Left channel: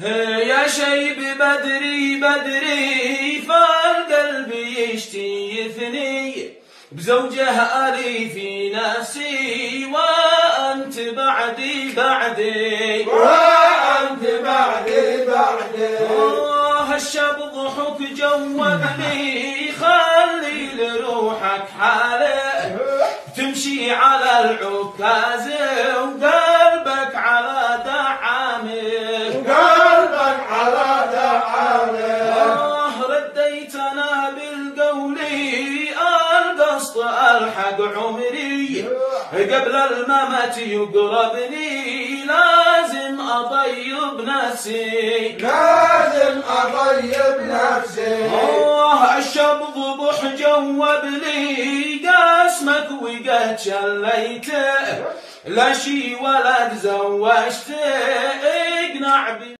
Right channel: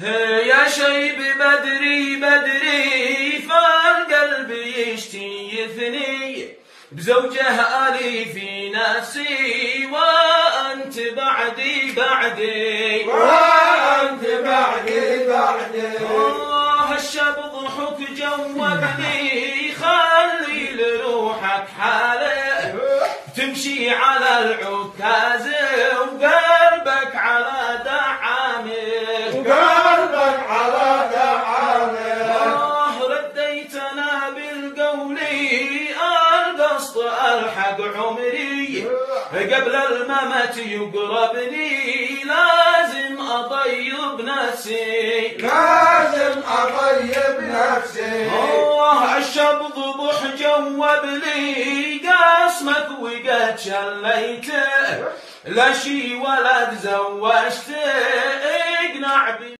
يا شيب بدري بدري فالقلب يشتيثني بزوجه ألي في نفسي وأنت بعدي بعدي وأنت بعدي بعدي. الشب ضحك جوبني خلي لروحك حاله تمشي على العكاز وقلبك على دعامه وقلبك على دعامه. رديتنا بالقول القصد الحق عمري قبل الممت يقربني لازم أطيب نفسي لازم أطيب نفسي. الشب ضبح جوبني قاسمك وقد شليته لا شي ولد زوجته اقنع